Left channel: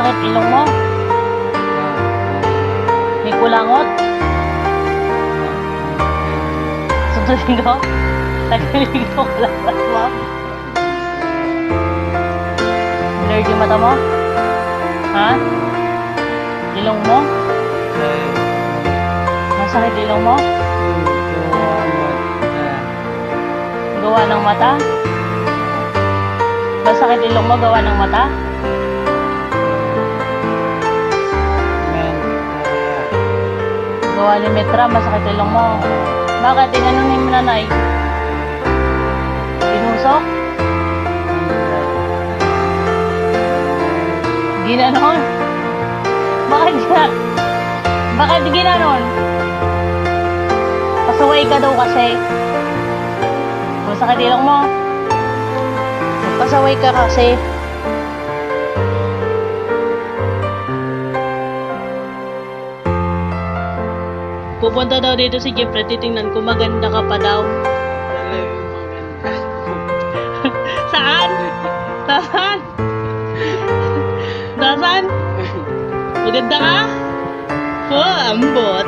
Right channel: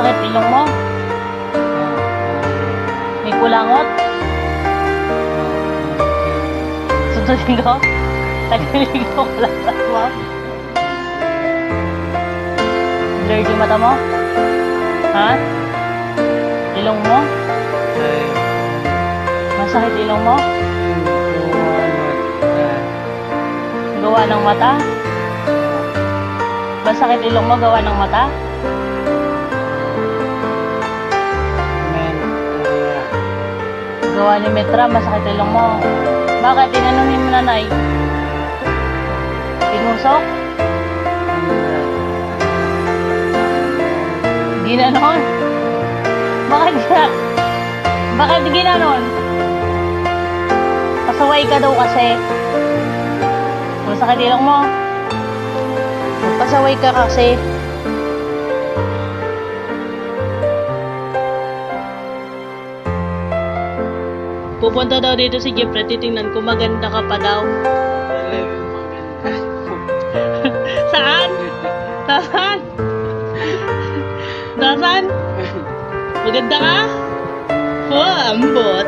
Masakit ilong mo? May kulangot? Sundin ko? Tagalig ko kalabas mo? Blurred yung mata mo? Ha? Ilong mo? Masakit ilong mo? Gawa ng mata? Masakit ilong mo gawa ng mata? Gawa ni Metra, masakit ilong mo. Bakit? Inanon ni nanay? Tinusok? Ginanon? Bakit ginanon? Pasaway ka daw kasi. Masakit ilong mo. Pasaway ka kasi. Pupunta daw dito si Jeffrey, titingnan ko maganda ka pa daw. Talagang maganda. Saan? Saan? Saan? Maganda ka? Oh, ambot.